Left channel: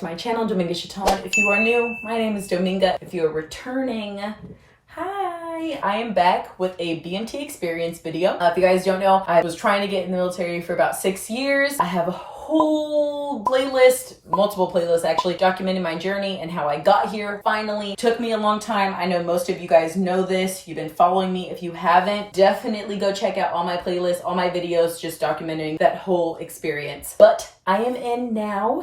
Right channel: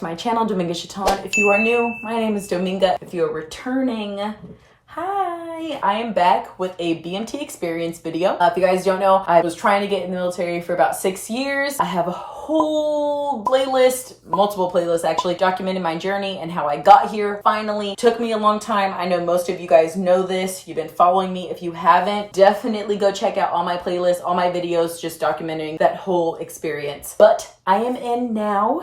to my channel, Dominga Chaton. If you are new, my name is Dominga. If you are returning, hi. I am back with a BMT experience video. If you guys don't know, I was trying to get in the military for about 6 years. I have a whole playlist, multiple playlists actually, documenting my journey and how I got here. Finally, took me a long time. I know most of you guys know this. You've been following me. If you haven't, definitely go check out all my playlists, all my videos, just documenting that whole experience. But I am in now.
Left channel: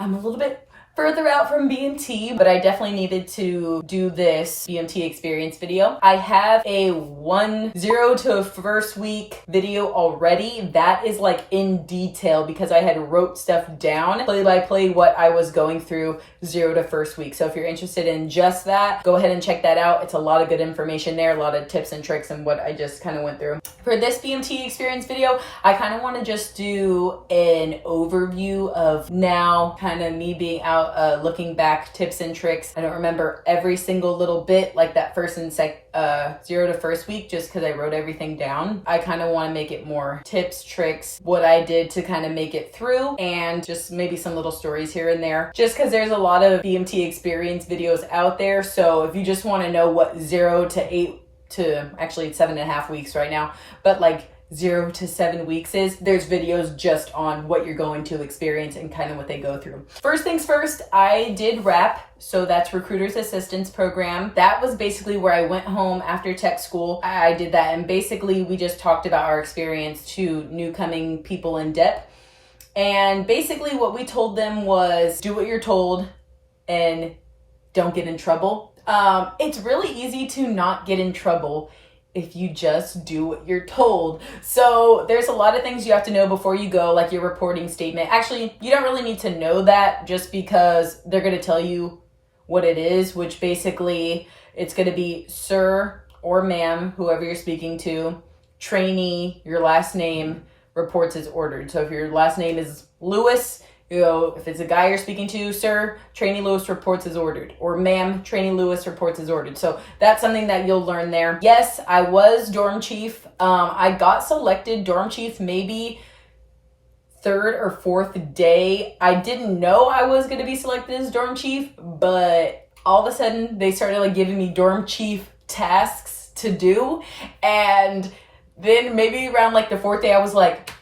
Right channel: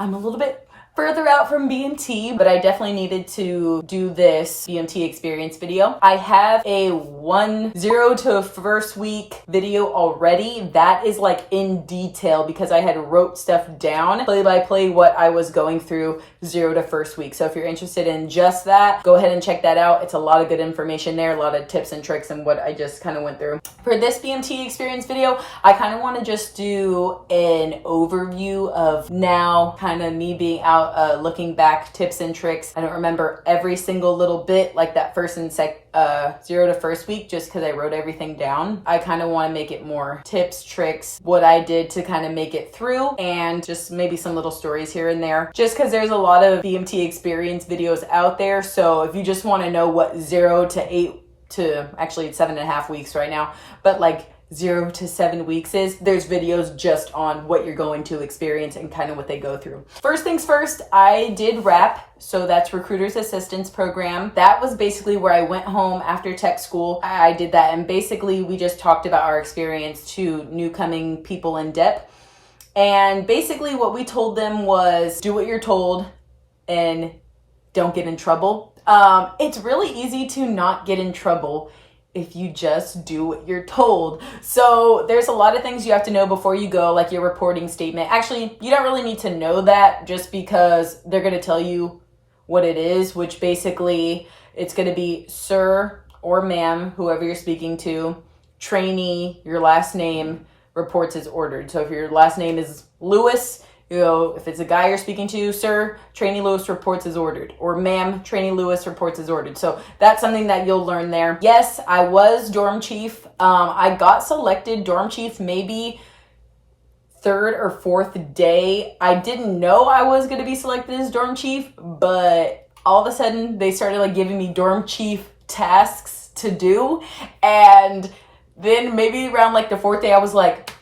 I'm a little bit further out from BMT, but I definitely needed to do this BMT experience video. I have a 0 to first week video already. That is like in detail because I had wrote stuff down, play by play, what I was going through 0 to first week. So if you're interested in just that, go ahead and check that out. It's a lot of good information there, a lot of tips and tricks and what I just kind of went through. For this BMT experience video, I kind of want to just do an overview of now kind of me being out looking back, tips and tricks. I don't remember every single little bit like that first and 0 to first week just because I wrote everything down. I kind of want to make it more tips, tricks, what I did to kind of make it through, and just maybe some little stories here and there just because there's a lot of BMT experience videos out there. So if you just want to know what 0 to 8 to actually it's 7.5 weeks right now, but like 0 to 7 weeks is, there's videos just on what you're going to experience and kind of what they go through. First things first, I did RAP. So that's Recruiter's Assistance Program. That was basically where I went home after tech school. I did that. And basically we just talked about our experience to new coming people in depth. And basically what we told them was do what you're told and don't get in trouble. It's really easy to not get in trouble if you just do what you're told. So there's a lot of things you have to know before you go, like your reporting statement. Actually, you don't really need to know that just because they're going to tell you what it is, which basically it's going to be sir or ma'am, whoever you're speaking to, trainee, your last name, reports as ordered. So if your last name is Lewis, you know, if it's a guy you're speaking to, sir, trainee Lewis reports as ordered, or ma'am, trainee Lewis reports as ordered. So that's something that you'll learn there. Yes, I was dorm chief. I got selected dorm chief maybe 3rd or 4th day. I didn't know I was going to be selected as dorm chief, but all of a sudden they started like giving me dorm chief tasks to do. And then maybe around like the 4th day, I was like,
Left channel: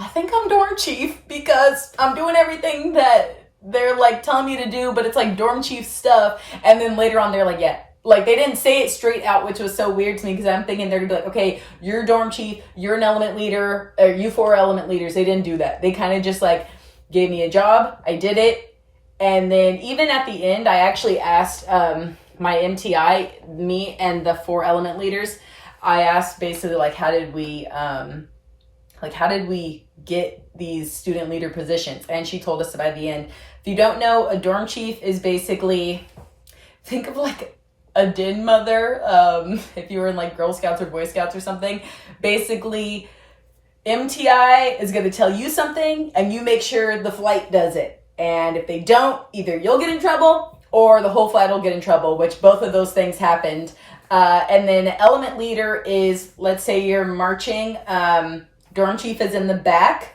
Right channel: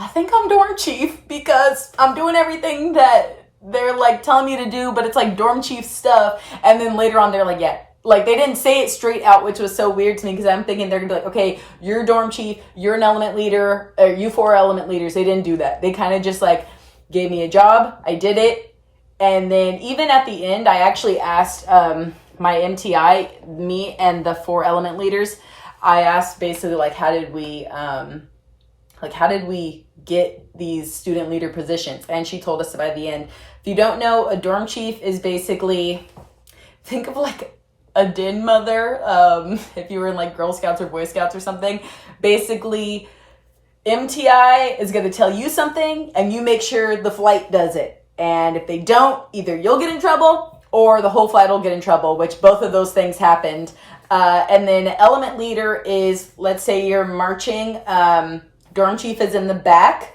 I think I'm dorm chief because I'm doing everything that they're like telling me to do, but it's like dorm chief stuff. And then later on, they're like, yeah, like they didn't say it straight out, which was so weird to me because I'm thinking they're gonna be like, okay, you're dorm chief, you're an element leader, or you 4 element leaders. They didn't do that. They kind of just like gave me a job. I did it. And then even at the end, I actually asked my MTI, me and the 4 element leaders, I asked basically like, how did we get these student leader positions? And she told us by the end. If you don't know, a dorm chief is basically, think of like a den mother, if you were in like Girl Scouts or Boy Scouts or something. Basically, MTI is going to tell you something and you make sure the flight does it. And if they don't, either you'll get in trouble or the whole flight will get in trouble, which both of those things happened. And then element leader is, let's say you're marching, dorm chief is in the back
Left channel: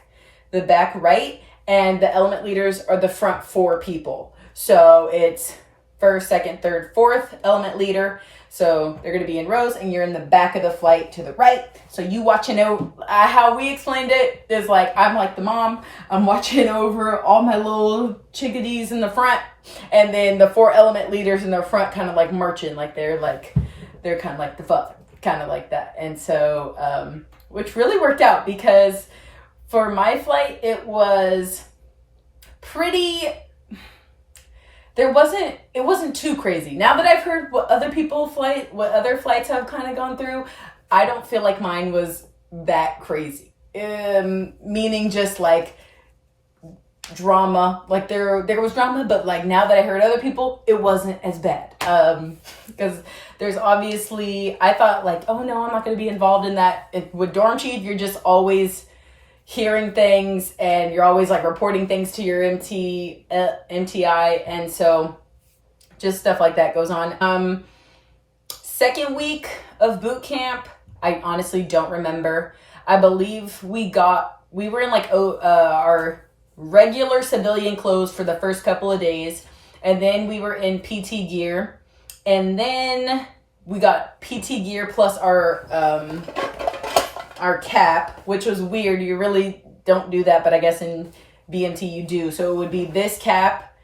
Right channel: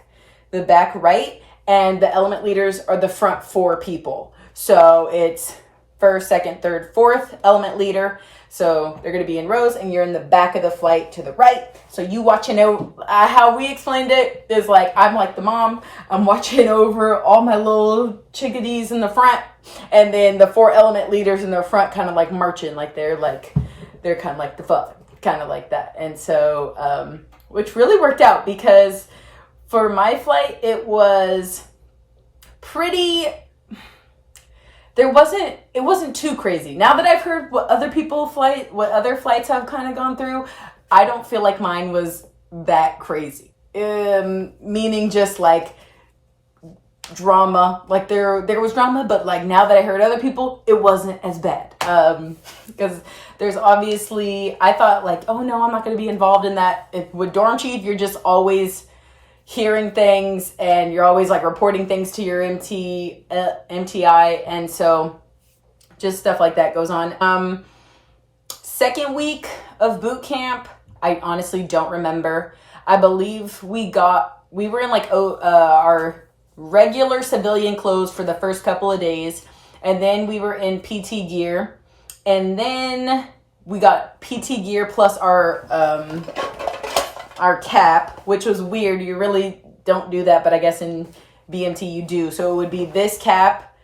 right, and the element leaders are the front 4 people. So it's 1st, 2nd, 3rd, 4th element leader. So they're going to be in rows and you're in the back of the flight to the right. So you watching over, how we explained it is like, I'm like the mom, I'm watching over all my little chickadees in the front. And then the 4 element leaders in the front kind of like marching, like they're kind of like the fuck, kind of like that. And so, which really worked out because for my flight, it was pretty, it wasn't too crazy. Now that I've heard what other flights have kind of gone through, I don't feel like mine was that crazy. Meaning just like drama, like there was drama, but like now that I heard other people, it wasn't as bad. Because there's obviously, I thought like, oh no, I'm not going to be involved in that. With dorm chief, you're just always hearing things and you're always like reporting things to your MTI. And so just stuff like that goes on. 2nd week of boot camp, I honestly don't remember. I believe we were in like our regular civilian clothes for the first couple of days. And then we were in PT gear. And then we got PT gear plus our cap, which was weird. You really don't do that, but I guess in BMT you do. So it would be this cap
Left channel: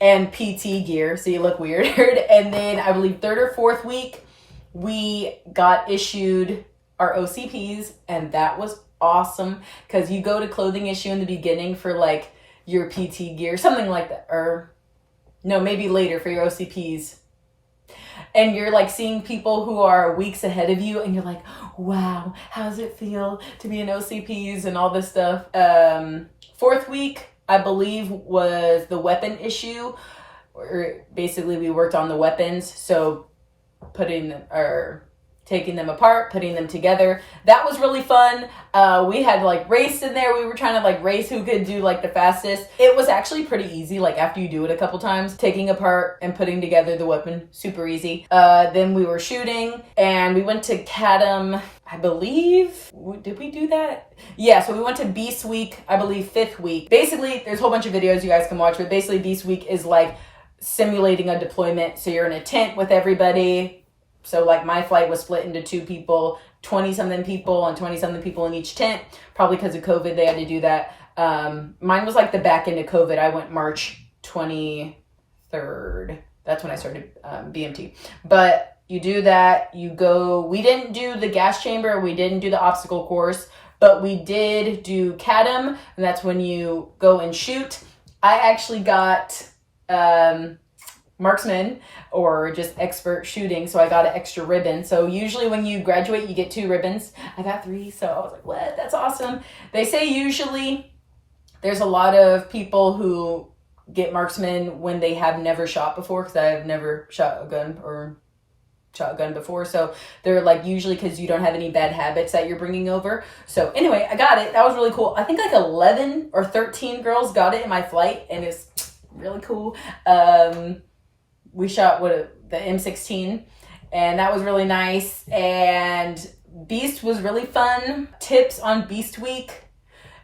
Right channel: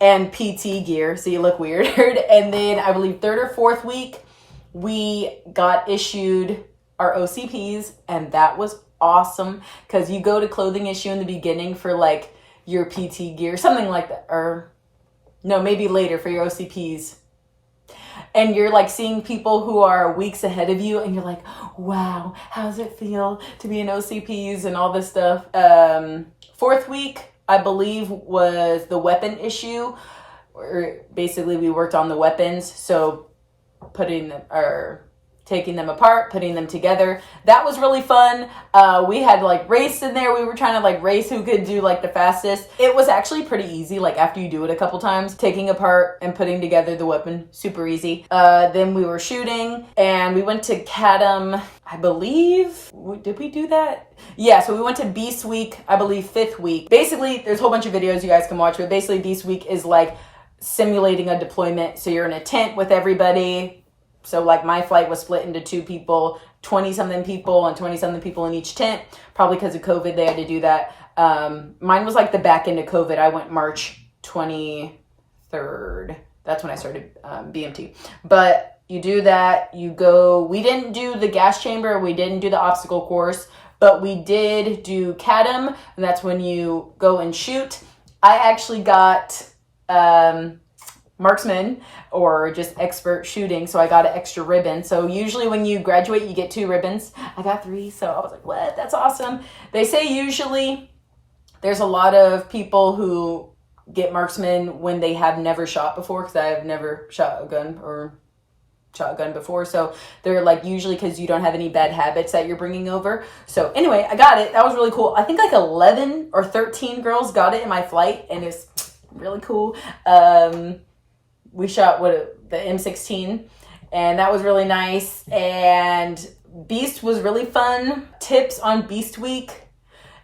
and PT gear, so you look weird. And then I believe 3rd or 4th week, we got issued our OCPs, and that was awesome because you go to clothing issue in the beginning for like your PT gear, something like that, or no, maybe later for your OCPs. And you're like seeing people who are weeks ahead of you, and you're like, wow, how does it feel to be in OCPs and all this stuff? 4th week, I believe, was the weapon issue, or basically we worked on the weapons. So taking them apart, putting them together. That was really fun. We had like race in there. We were trying to like race who could do like the fastest. It was actually pretty easy. Like after you do it a couple times, taking apart and putting together the weapon, super easy. Then we were shooting and we went to CADM, I believe. Did we do that? Yeah, so we went to Beast Week, I believe 5th week. Basically, there's a whole bunch of videos you guys can watch, but basically Beast Week is like simulating a deployment. So you're in a tent with everybody. So like my flight was split into 2 people, 20-something people and 20-something people in each tent. Probably because of COVID, they had to do that. Mine was like the back end of COVID. I went March 23rd. That's when I started BMT. But you do that, you go, we didn't do the gas chamber, we didn't do the obstacle course, but we did do CADM, and that's when you go and shoot. I actually got marksman, or just expert shooting, so I got an extra ribbon. So usually when you graduate, you get 2 ribbons. I got 3, so I was like, what? That's awesome. They say usually there's a lot of people who get marksman when they have never shot before, because I've never shot a gun or shotgun before. So they're like, usually because you don't have any bad habits that you're bringing over. So anyway, I got it. That was really cool. I think like 11 or 13 girls got it in my flight, and it's really cool. We shot the M16, and that was really nice. And Beast was really fun. Tips on Beast Week:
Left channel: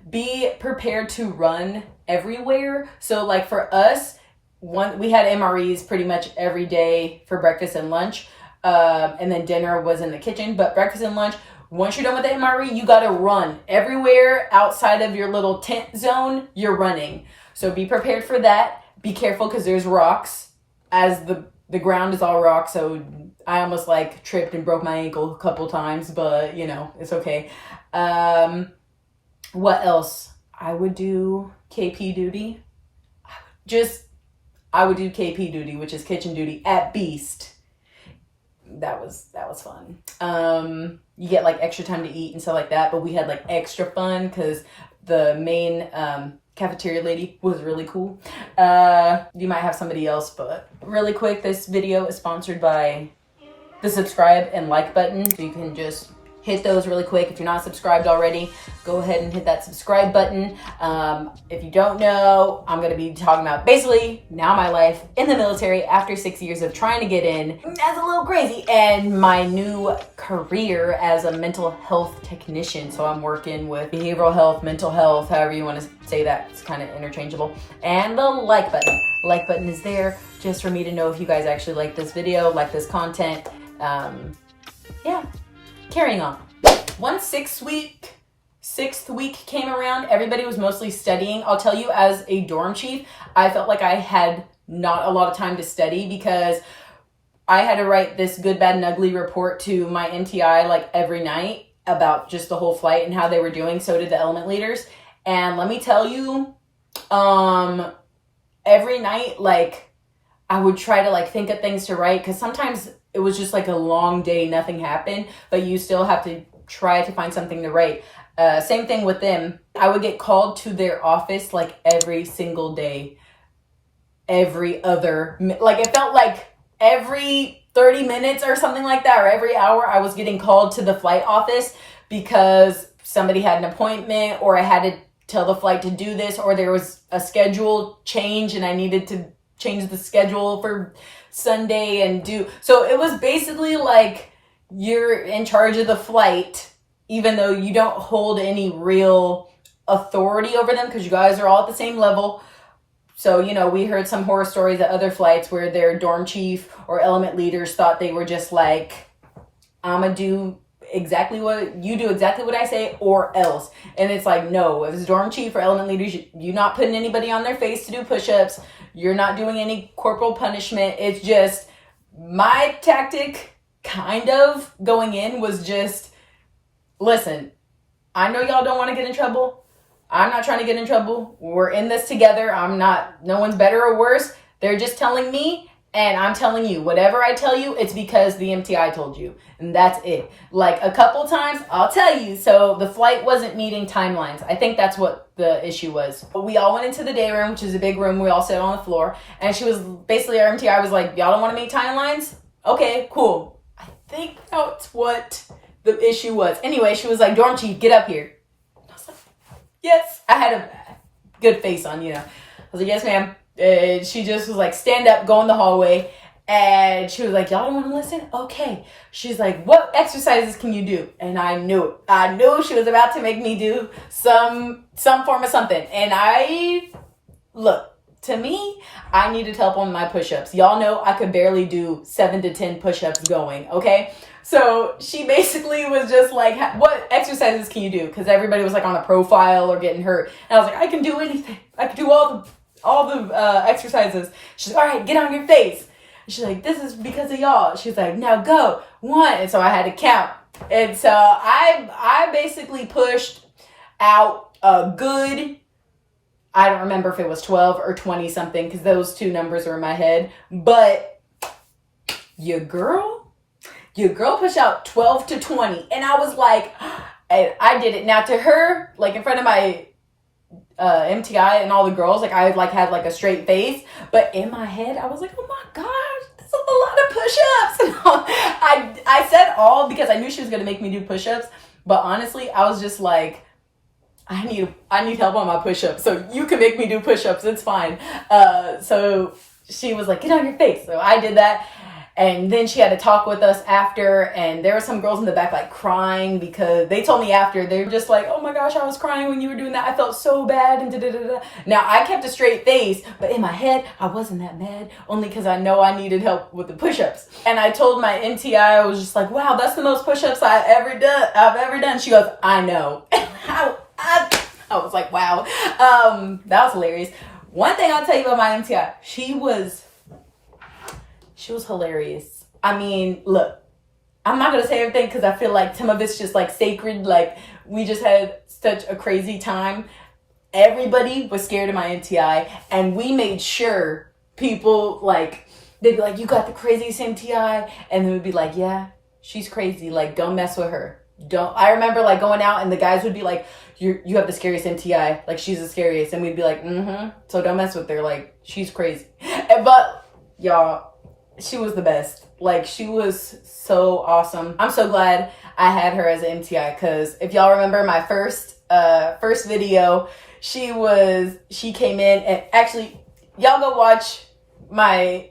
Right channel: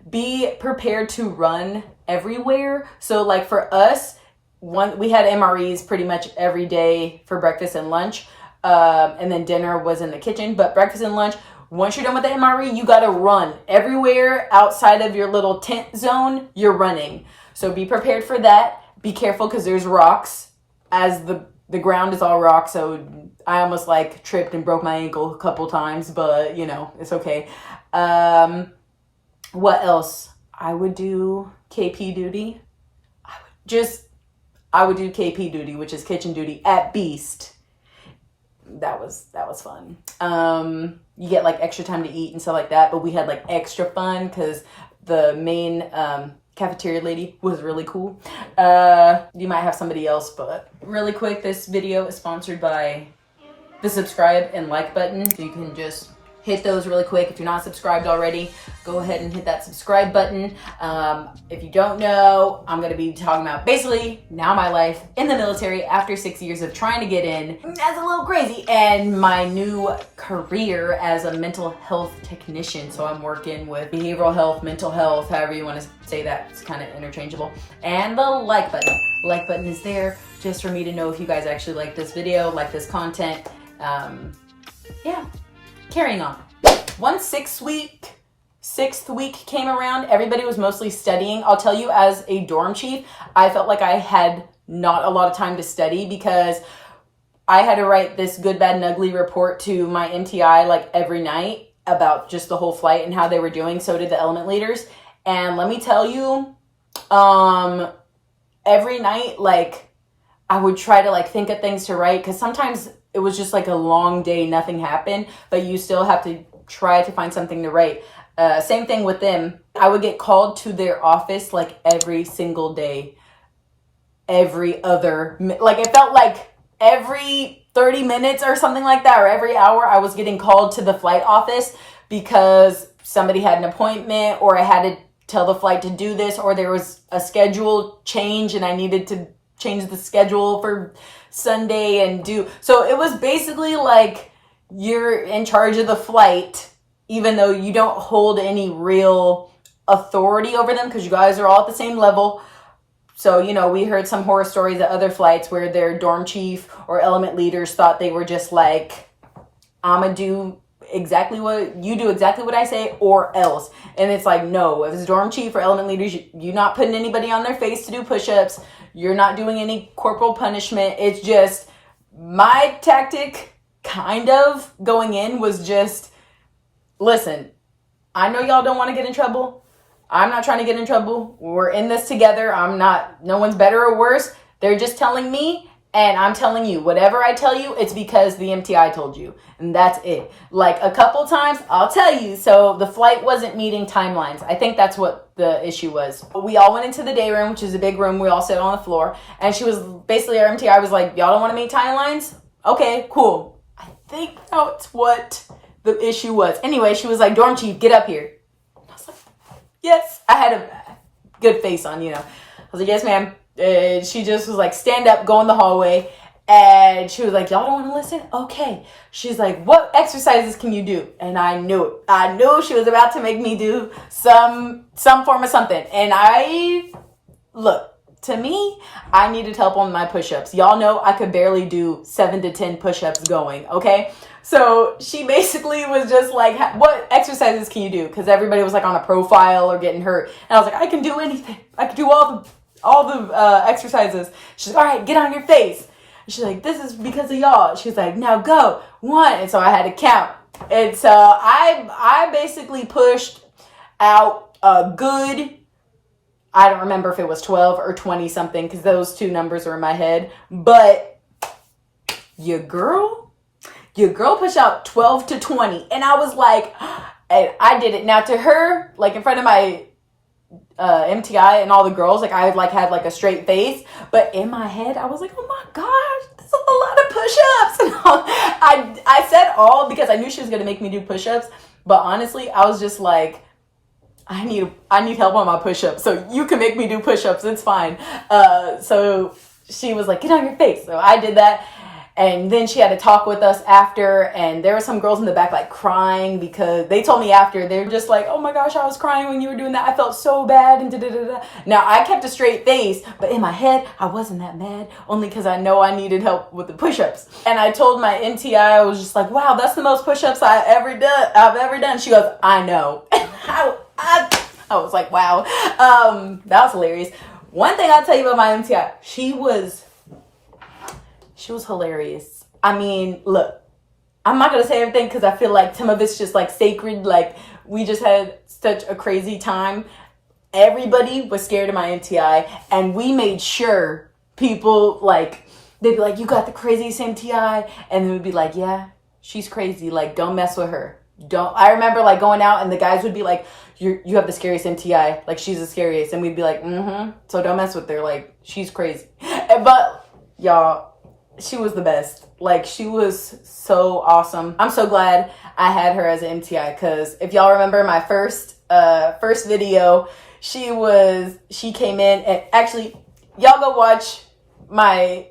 be prepared to run everywhere. So like for us, we had MREs pretty much every day for breakfast and lunch, and then dinner was in the kitchen. But breakfast and lunch, once you're done with the MRE, you gotta run everywhere outside of your little tent zone. You're running, so be prepared for that. Be careful because there's rocks, as the ground is all rock. So I almost like tripped and broke my ankle a couple times, but you know, it's okay. What else? I would do KP duty. I would do KP duty, which is kitchen duty at Beast. That was fun. You get like extra time to eat and stuff like that, but we had like extra fun because the main cafeteria lady was really cool. You might have somebody else, but really quick, this video is sponsored by the subscribe and like button. So you can just hit those really quick. If you're not subscribed already, go ahead and hit that subscribe button. If you don't know, I'm going to be talking about basically now my life in the military after 6 years of trying to get in. That's a little crazy. And my new career as a mental health technician. So I'm working with behavioral health, mental health, however you want to say that. It's kind of interchangeable. And the like button. Like button is there just for me to know if you guys actually like this video, like this content. Yeah. Carrying on. Once 6th week came around, everybody was mostly studying. I'll tell you, as a dorm chief, I felt like I had not a lot of time to study because I had to write this good, bad, and ugly report to my MTI like every night about just the whole flight and how they were doing. So did the element leaders. And let me tell you, every night, like, I would try to like think of things to write, because sometimes it was just like a long day, nothing happened, but you still have to try to find something to write. Same thing with them. I would get called to their office like every single day, every other, like it felt like every 30 minutes or something like that, or every hour I was getting called to the flight office because somebody had an appointment, or I had to tell the flight to do this, or there was a schedule change and I needed to change the schedule for Sunday and do. So it was basically like you're in charge of the flight, even though you don't hold any real authority over them because you guys are all at the same level. So, you know, we heard some horror stories at other flights where their dorm chief or element leaders thought they were just like, I'm gonna do exactly what I say or else. And it's like, no, if it's dorm chief or element leaders, you're not putting anybody on their face to do push-ups. You're not doing any corporal punishment. It's just my tactic kind of going in was just, listen, I know y'all don't want to get in trouble. I'm not trying to get in trouble. We're in this together. No one's better or worse. They're just telling me, and I'm telling you. Whatever I tell you, it's because the MTI told you. And that's it. Like a couple times, I'll tell you. So the flight wasn't meeting timelines. I think that's what the issue was. We all went into the day room, which is a big room. We all sat on the floor. And she was basically, our MTI was like, y'all don't want to meet timelines? Okay, cool. I think that's what the issue was. Anyway, she was like, dorm chief, get up here. I was like, yes. I had a good face on, you know. I was like, yes, ma'am. She just was like, stand up, go in the hallway. And she was like, y'all don't want to listen? Okay. She's like, what exercises can you do? And I knew it. I knew she was about to make me do some form of something. And look, to me, I needed help on my push-ups. Y'all know I could barely do 7 to 10 push-ups going, okay? So she basically was just like, what exercises can you do? Because everybody was like on a profile or getting hurt. And I was like, I can do anything. I can do all the exercises. She's like, all right, get on your face. She's like, this is because of y'all. She's like, now go. 1. And so I had to count. And so I basically pushed out a good, I don't remember if it was 12 or 20 something because those two numbers are in my head. But your girl pushed out 12 to 20. And I was like, and I did it. Now to her, like in front of my MTI and all the girls, like I had like a straight face, but in my head I was like, oh my gosh, this is a lot of push-ups. And I said all because I knew she was gonna make me do push-ups, but honestly I was just like, I need help on my push-ups, so you can make me do push-ups, it's fine. So she was like, get on your face. So I did that. And then she had to talk with us after, and there were some girls in the back like crying because they told me after, they're just like, oh my gosh, I was crying when you were doing that. I felt so bad and da-da-da-da. Now I kept a straight face, but in my head, I wasn't that mad, only because I know I needed help with the push-ups. And I told my MTI, I was just like, wow, that's the most push-ups I've ever done. She goes, I know. I was like, wow. That was hilarious. One thing I'll tell you about my MTI, she was hilarious. I mean, look, I'm not going to say everything because I feel like some of it's just like sacred. Like we just had such a crazy time. Everybody was scared of my MTI, and we made sure people like, they'd be like, you got the craziest MTI. And then we'd be like, yeah, she's crazy. Like, don't mess with her. I remember like going out and the guys would be like, you have the scariest MTI. Like she's the scariest. And we'd be like, so don't mess with her. Like she's crazy. But y'all, she was the best. Like she was so awesome. I'm so glad I had her as an MTI because if y'all remember my first video, she came in, and actually y'all go watch my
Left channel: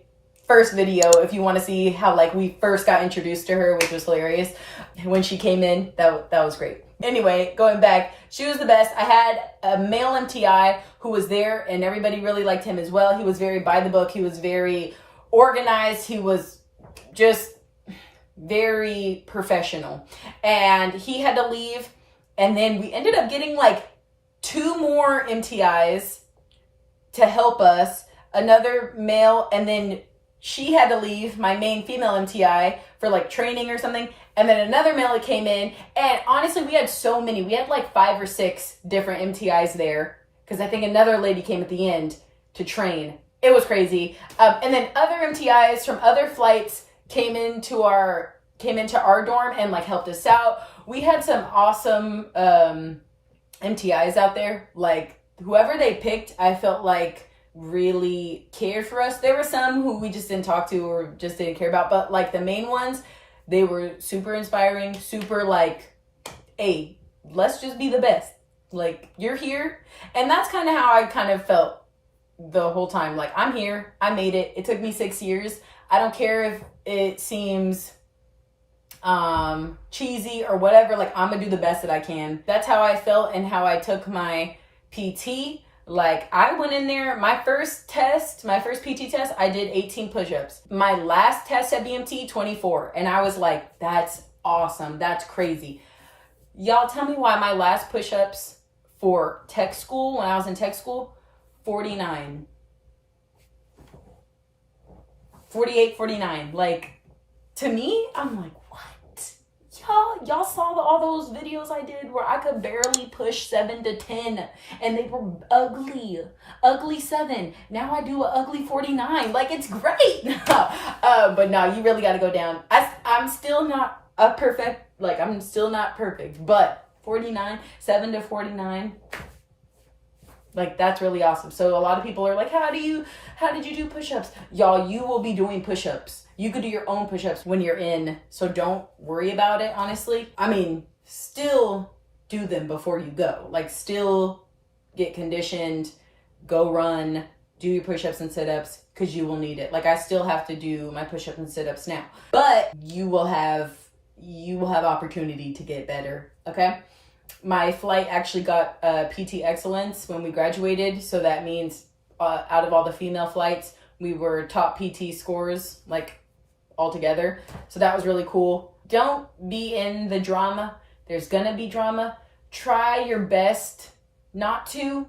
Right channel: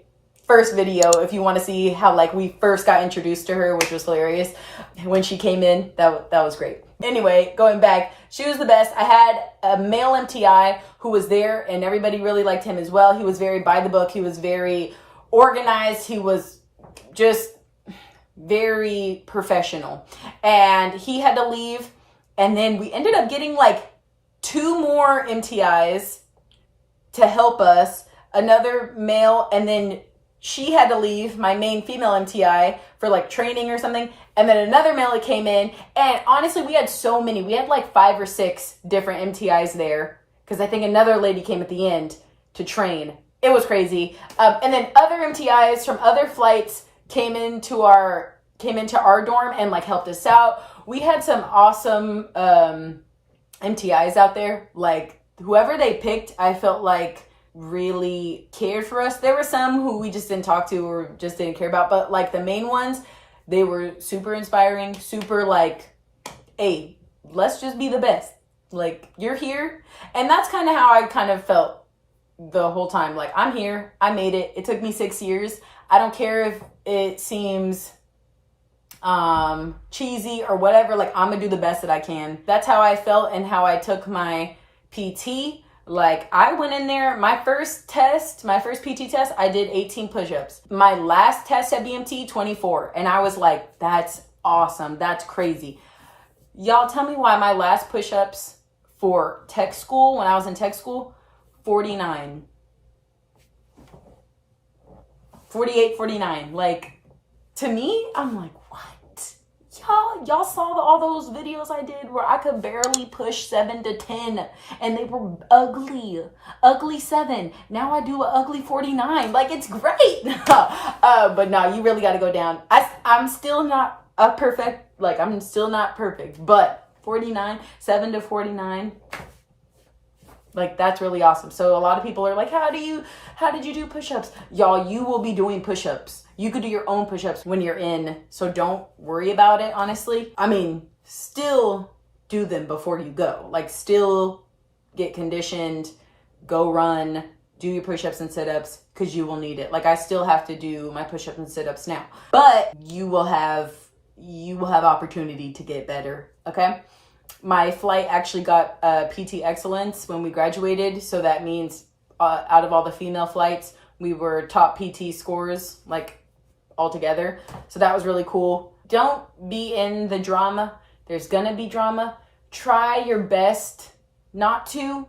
first video if you want to see how like we first got introduced to her, which was hilarious. When she came in, that was great. Anyway, going back, she was the best. I had a male MTI who was there, and everybody really liked him as well. He was very by the book. He was very organized. He was just very professional, and he had to leave. And then we ended up getting like 2 more MTIs to help us, another male, and then she had to leave, my main female MTI, for like training or something. And then another male that came in. And honestly, we had so many. We had like 5 or 6 different MTIs there because I think another lady came at the end to train. It was crazy. And then other MTIs from other flights came into our dorm and like helped us out. We had some awesome MTIs out there. Like whoever they picked, I felt like really cared for us. There were some who we just didn't talk to or just didn't care about, but like the main ones, they were super inspiring, super like, hey, let's just be the best. Like you're here. And that's kind of how I kind of felt the whole time. Like I'm here, I made it. It took me 6 years. I don't care if it seems cheesy or whatever. Like, I'm gonna do the best that I can. That's how I felt and how I took my PT. Like, I went in there, my first PT test, I did 18 push-ups. My last test at BMT, 24. And I was like, that's awesome. That's crazy. Y'all tell me why my last push-ups for tech school, when I was in tech school, 49. 48, 49. Like, to me, I'm like, what? Y'all saw all those videos I did where I could barely push 7 to 10 and they were ugly 7. Now I do an ugly 49. Like, it's great. But no, you really got to go down. I'm still not I'm still not perfect, but 49, 7 to 49, like, that's really awesome. So a lot of people are like, how did you do push-ups? Y'all, you will be doing push-ups. You could do your own push-ups when you're in, so don't worry about it, honestly. I mean, still do them before you go. Like, still get conditioned, go run, do your push-ups and sit-ups, because you will need it. Like, I still have to do my push-ups and sit-ups now. But you will have opportunity to get better, okay? My flight actually got PT Excellence when we graduated, so that means out of all the female flights, we were top PT scores, like, altogether. So that was really cool. Don't be in the drama. There's gonna be drama. Try your best not to.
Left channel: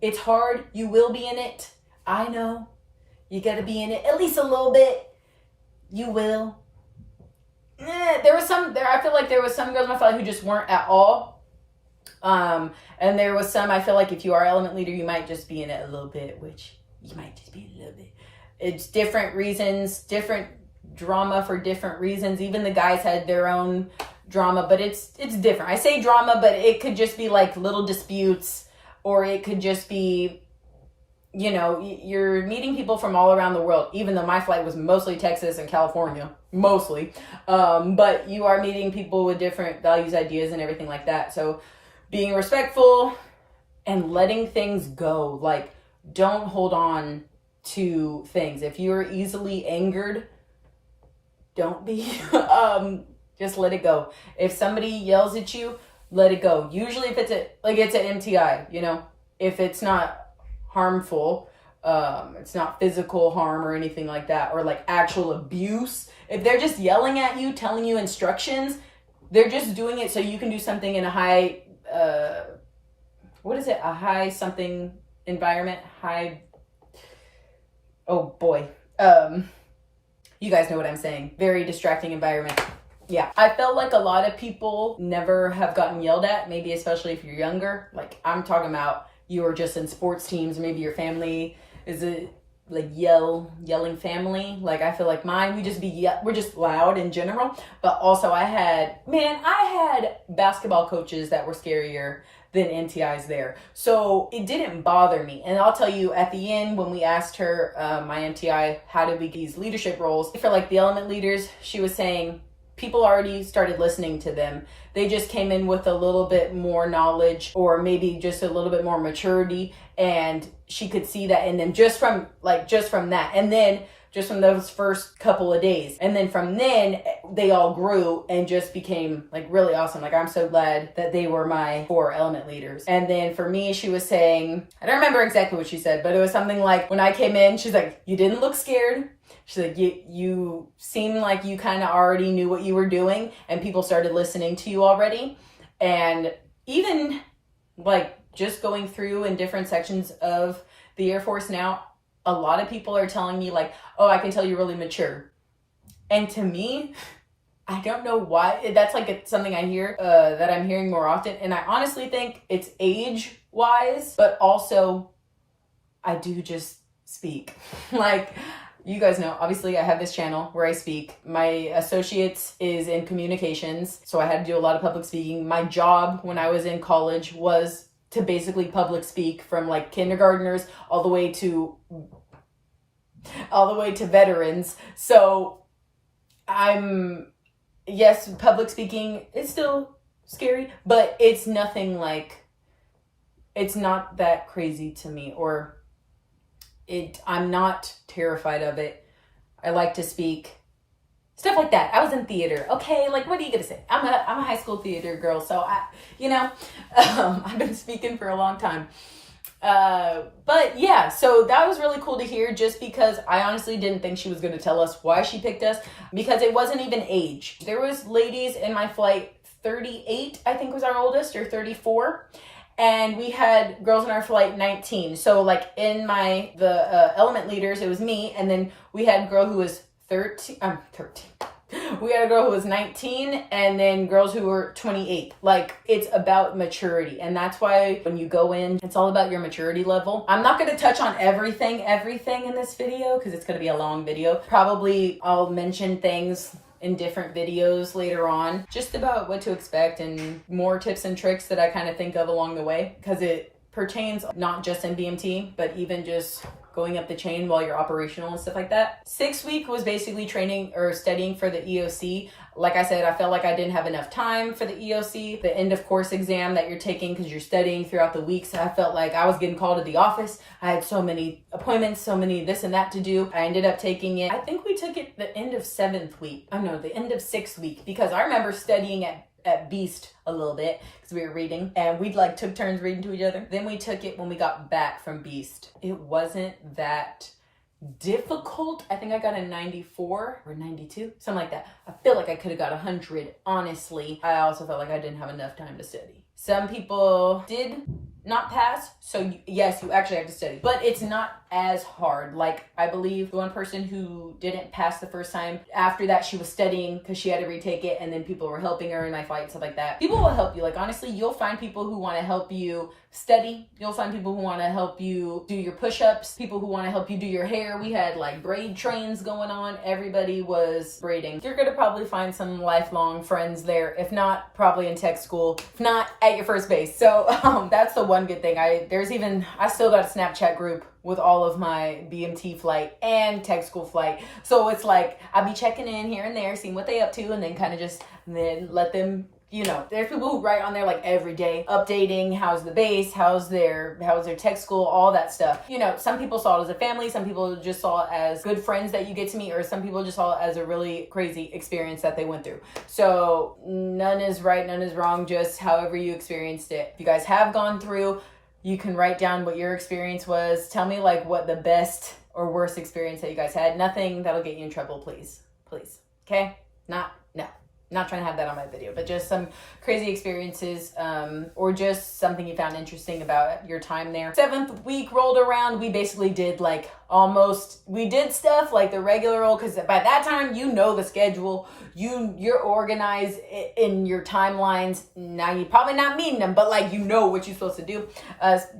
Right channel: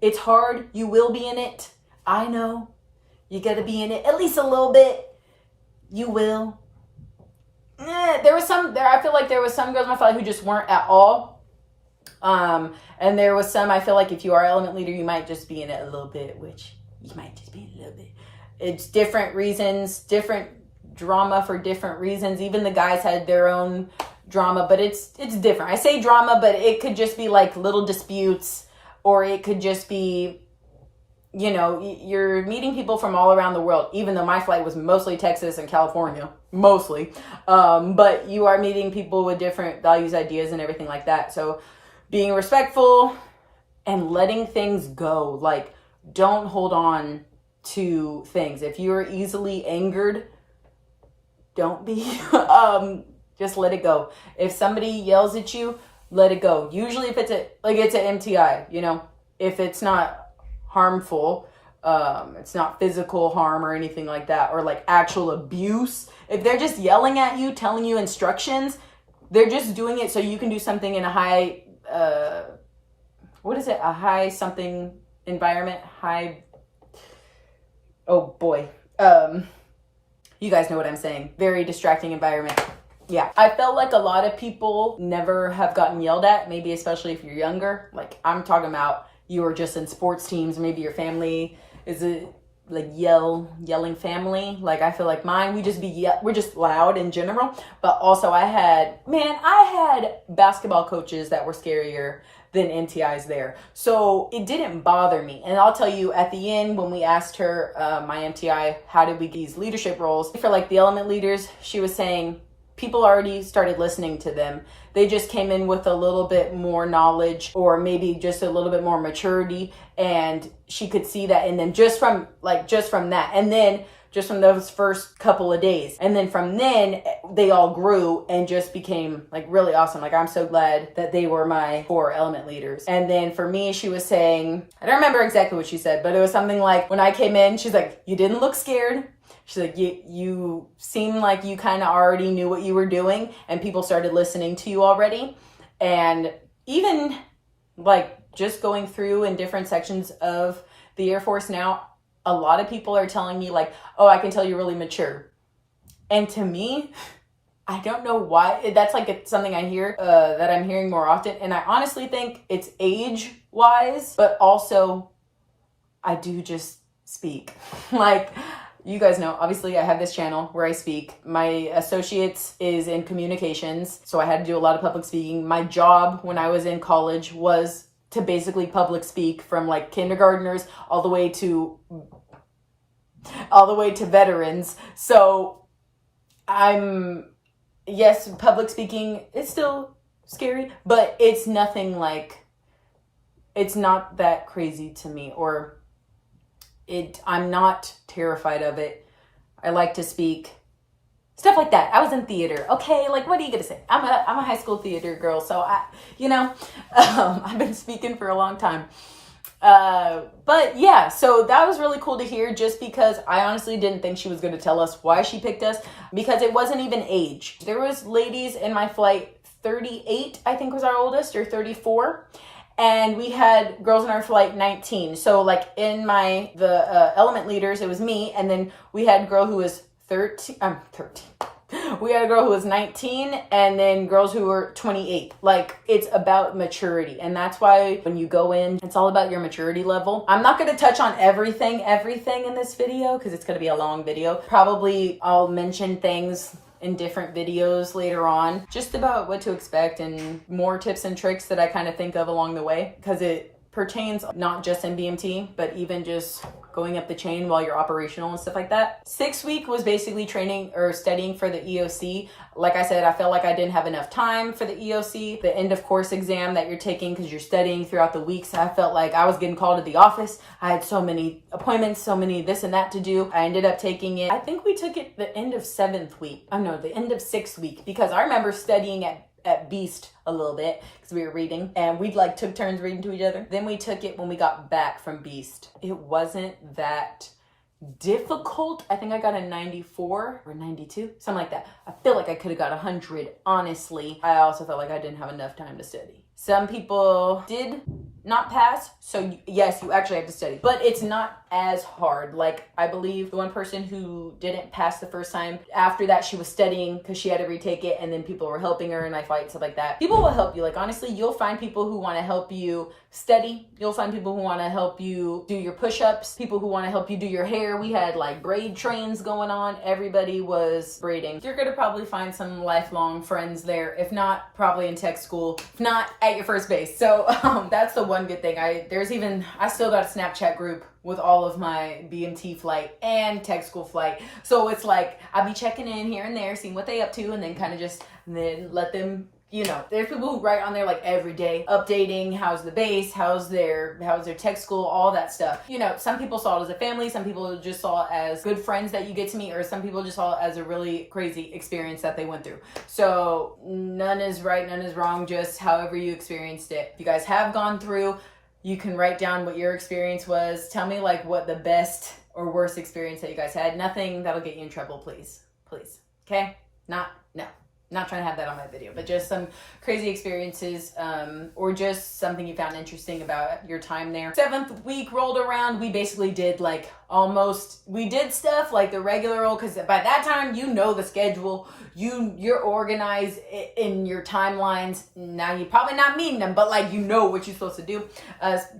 It's hard. You will be in it. I know. You gotta be in it at least a little bit. You will. I feel like there was some girls in my flight who just weren't at all. And there was some, I feel like if you are element leader, you might just be in it a little bit, which you might just be in a little bit. It's different reasons, different drama for different reasons. Even the guys had their own drama, but it's different. I say drama, but it could just be like little disputes, or it could just be, you know, you're meeting people from all around the world, even though my flight was mostly Texas and California, mostly. But you are meeting people with different values, ideas, and everything like that. So being respectful and letting things go. Like, don't hold on to things. If you're easily angered, don't be. Just let it go. If somebody yells at you, let it go. Usually if it's an MTI, you know, if it's not harmful, it's not physical harm or anything like that, or like actual abuse. If they're just yelling at you, telling you instructions, they're just doing it so you can do something in a high, a high something environment, oh boy. You guys know what I'm saying. Very distracting environment. Yeah. I felt like a lot of people never have gotten yelled at, maybe especially if you're younger. Like, I'm talking about you were just in sports teams, maybe your family is a like yelling family. Like, I feel like mine, we're just loud in general. But also I had basketball coaches that were scarier than MTIs there. So it didn't bother me. And I'll tell you, at the end, when we asked her, my MTI, how did we get these leadership roles? For like the element leaders, she was saying people already started listening to them. They just came in with a little bit more knowledge, or maybe just a little bit more maturity. And she could see that in them just from that. And then just from those first couple of days. And then from then, they all grew and just became like really awesome. Like, I'm so glad that they were my 4 element leaders. And then for me, she was saying, I don't remember exactly what she said, but it was something like, when I came in, she's like, you didn't look scared. She's like, you seemed like you kind of already knew what you were doing, and people started listening to you already. And even like just going through in different sections of the Air Force now, a lot of people are telling me like, oh, I can tell you're really mature. And to me, I don't know why. That's like something I hear that I'm hearing more often. And I honestly think it's age-wise, but also I do just speak. Like, you guys know, obviously I have this channel where I speak. My associates is in communications, so I had to do a lot of public speaking. My job when I was in college was to basically public speak, from like kindergartners all the way to veterans. So yes, public speaking is still scary, but it's nothing like, it's not that crazy to me, or I'm not terrified of it. I like to speak. Stuff like that. I was in theater. Okay, like, what are you gonna say? I'm a high school theater girl, so I've been speaking for a long time. But yeah, so that was really cool to hear, just because I honestly didn't think she was going to tell us why she picked us, because it wasn't even age. There was ladies in my flight, 38 I think was our oldest, or 34, and we had girls in our flight 19. So like in the element leaders, it was me, and then we had a girl who was 13. We had a girl who was 19, and then girls who were 28. Like, it's about maturity. And that's why when you go in, it's all about your maturity level. I'm not going to touch on everything in this video, because it's going to be a long video. Probably I'll mention things in different videos later on, just about what to expect and more tips and tricks that I kind of think of along the way, because it pertains not just in BMT, but even just going up the chain while you're operational and stuff like that. 6 week was basically training or studying for the EOC. Like I said, I felt like I didn't have enough time for the EOC, the end of course exam that you're taking because you're studying throughout the weeks. I felt like I was getting called to the office. I had so many appointments, so many this and that to do. I ended up taking it. I think we took it the end of 7th week. Oh no, the end of 6th week, because I remember studying at Beast a little bit because we were reading, and we like took turns reading to each other. Then we took it when we got back from Beast. It wasn't that difficult. I think I got a 94 or 92, something like that. I feel like I could have got 100, honestly. I also felt like I didn't have enough time to study. Some people did not pass, so yes, you actually have to study, but it's not as hard. Like, I believe the one person who didn't pass the first time, after that she was studying because she had to retake it, and then people were helping her in my flight, stuff like that. People will help you. Like, honestly, you'll find people who want to help you study. You'll find people who want to help you do your push-ups, people who want to help you do your hair. We had like braid trains going on. Everybody was braiding. You're gonna probably find some lifelong friends there. If not, probably in tech school. If not, at your first base. So that's the one good thing. I still got a Snapchat group with all of my BMT flight and tech school flight. So it's like, I'll be checking in here and there, seeing what they up to, and then kind of just, then let them, there's people who write on there like every day, updating, how's the base, how's their tech school, all that stuff. Some people saw it as a family, some people just saw it as good friends that you get to meet, or some people just saw it as a really crazy experience that they went through. So none is right, none is wrong, just however you experienced it. If you guys have gone through, you can write down what your experience was. Tell me like what the best or worst experience that you guys had. Nothing that'll get you in trouble, please. Please. Okay? Not trying to have that on my video, but just some crazy experiences, or just something you found interesting about your time there. 7th week rolled around. We basically did we did stuff like the regular old, because by that time, the schedule, you're organized in your timelines. Now you're probably not meeting them, but what you're supposed to do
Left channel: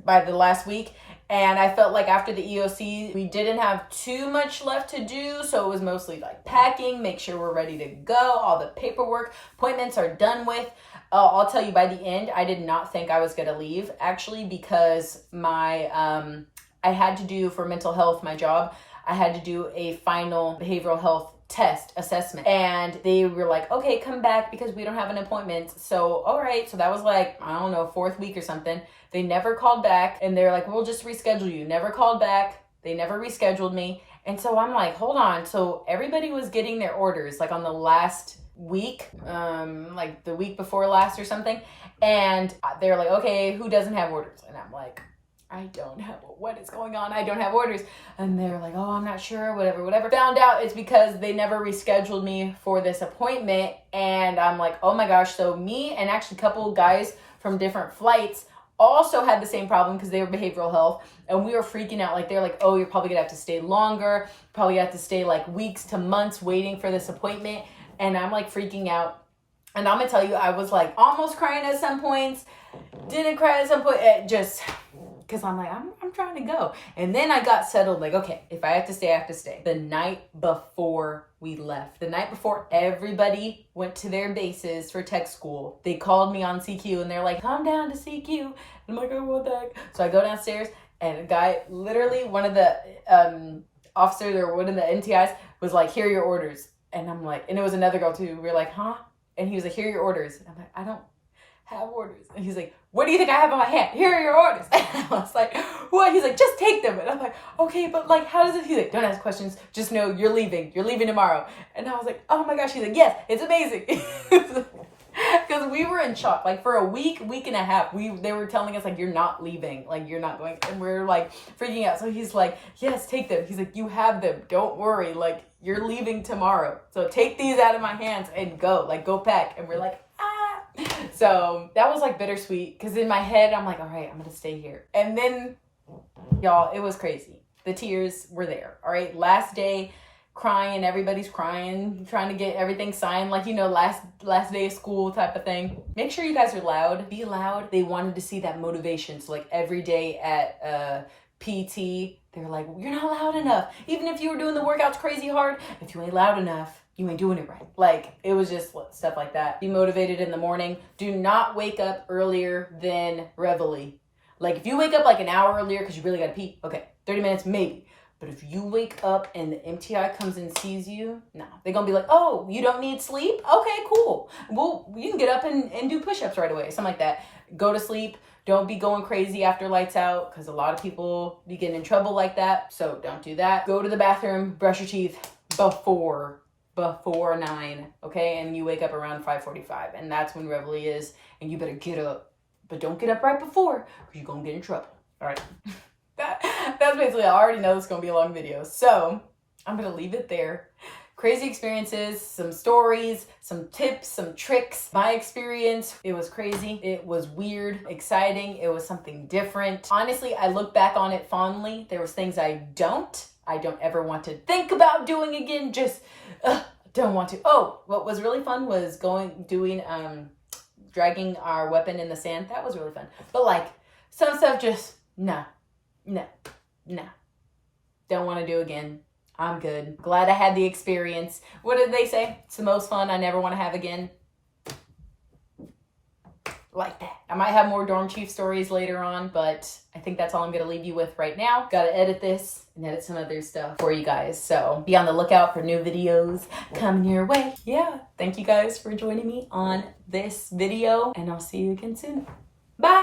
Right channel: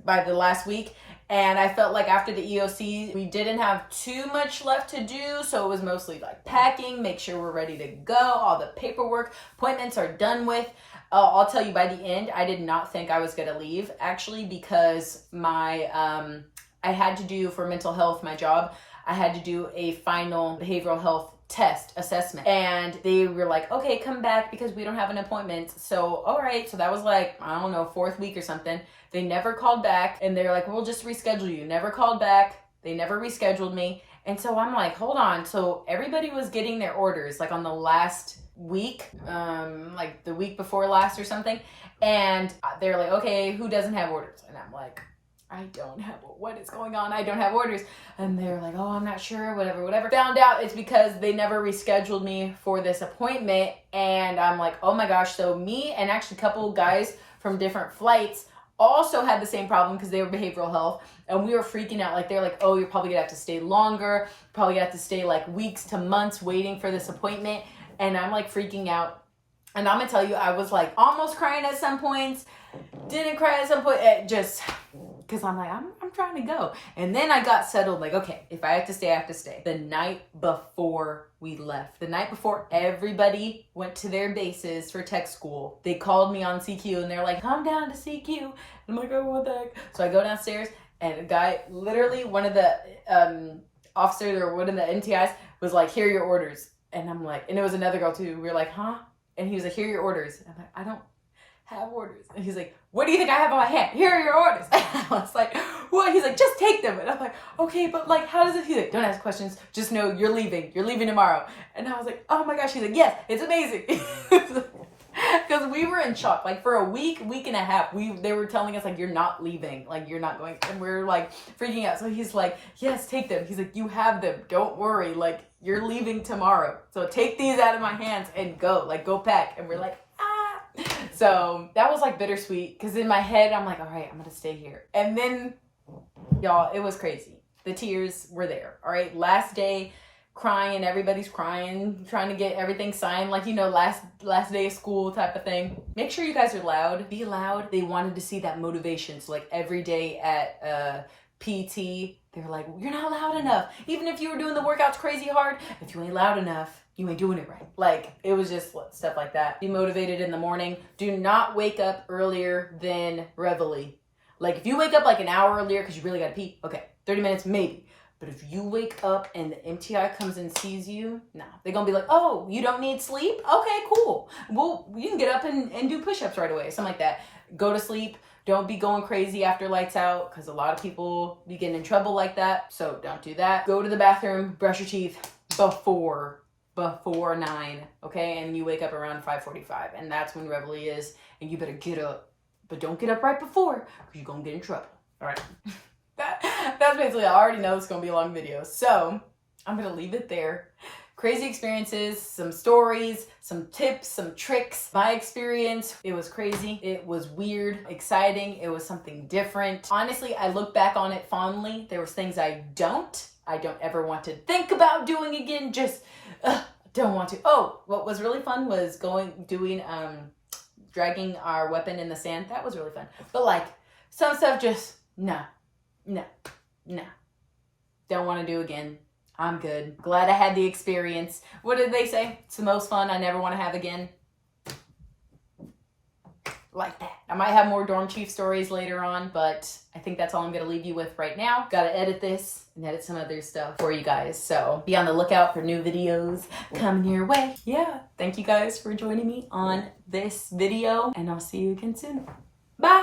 by the last week. And I felt like after the EOC, we didn't have too much left to do. So it was mostly like packing, make sure we're ready to go. All the paperwork, appointments are done with. I'll tell you, by the end, I did not think I was going to leave, actually, because I had to do, for mental health, my job, I had to do a final behavioral health test assessment, and they were like, okay, come back because we don't have an appointment. So all right, so that was like, I don't know, 4th week or something. They never called back, and they're like, we'll just reschedule you. Never called back. They never rescheduled me. And so I'm like, hold on. So everybody was getting their orders like on the last week, like the week before last or something, and they're like, okay, who doesn't have orders? And I'm like, I don't have, what is going on? I don't have orders. And they're like, oh, I'm not sure, whatever. Found out it's because they never rescheduled me for this appointment. And I'm like, oh my gosh. So me and actually a couple of guys from different flights also had the same problem because they were behavioral health. And we were freaking out. Like, they're like, oh, you're probably gonna have to stay longer. Probably have to stay like weeks to months waiting for this appointment. And I'm like freaking out. And I'm gonna tell you, I was like almost crying at some points, didn't cry at some point, just because I'm like, I'm trying to go. And then I got settled, like, okay, if I have to stay, I have to stay. The night before we left, the night before everybody went to their bases for tech school, they called me on CQ and they're like, come down to CQ. And I'm like, oh, what the heck? So I go downstairs, and a guy, literally one of the officers or one of the NTIs was like, here are your orders. And I'm like, and it was another girl too. We were like, huh? And he was like, here are your orders. And I'm like, have orders. And he's like, what do you think I have on my hand? Here are your orders. And I was like, what? He's like, just take them. And I'm like, okay, but like, how does it? He's like, don't ask questions. Just know you're leaving. You're leaving tomorrow. And I was like, oh my gosh. He's like, yes, it's amazing. Because we were in shock. Like for a week and a half, they were telling us like, you're not leaving. Like you're not going. And we're like freaking out. So he's like, yes, take them. He's like, you have them. Don't worry. Like you're leaving tomorrow. So take these out of my hands and go. Like go pack. And we're like, ah. So that was like bittersweet. Because in my head, I'm like, all right, I'm going to stay here. And then y'all, it was crazy. The tears were there. All right. Last day, crying, and everybody's crying, trying to get everything signed, like, you know, last day of school type of thing. Make sure you guys are loud. Be loud. They wanted to see that motivation. So like every day at PT, they're like, you're not loud enough. Even if you were doing the workouts crazy hard, if you ain't loud enough, you ain't doing it right. Like it was just stuff like that. Be motivated in the morning. Do not wake up earlier than Reveille. Like if you wake up like an hour earlier because you really got to pee, okay, 30 minutes maybe. But if you wake up and the MTI comes and sees you, nah, they're going to be like, oh, you don't need sleep? Okay, cool. Well, you can get up and do push-ups right away, something like that. Go to sleep. Don't be going crazy after lights out because a lot of people be getting in trouble like that. So don't do that. Go to the bathroom, brush your teeth before 9, okay? And you wake up around 5:45, and that's when Reveille is, and you better get up. But don't get up right before because you're going to get in trouble, all right? That's basically, I already know it's going to be a long video. So I'm going to leave it there. Crazy experiences, some stories, some tips, some tricks. My experience, it was crazy. It was weird, exciting. It was something different. Honestly, I look back on it fondly. There was things I don't ever want to think about doing again. Just don't want to. Oh, what was really fun was dragging our weapon in the sand. That was really fun. But like some stuff just, no. Don't want to do again. I'm good. Glad I had the experience. What did they say? It's the most fun I never want to have again. Like that. I might have more dorm chief stories later on, but I think that's all I'm going to leave you with right now. Got to edit this and edit some other stuff for you guys. So be on the lookout for new videos coming your way. Yeah. Thank you guys for joining me on this video, and I'll see you again soon. Bye.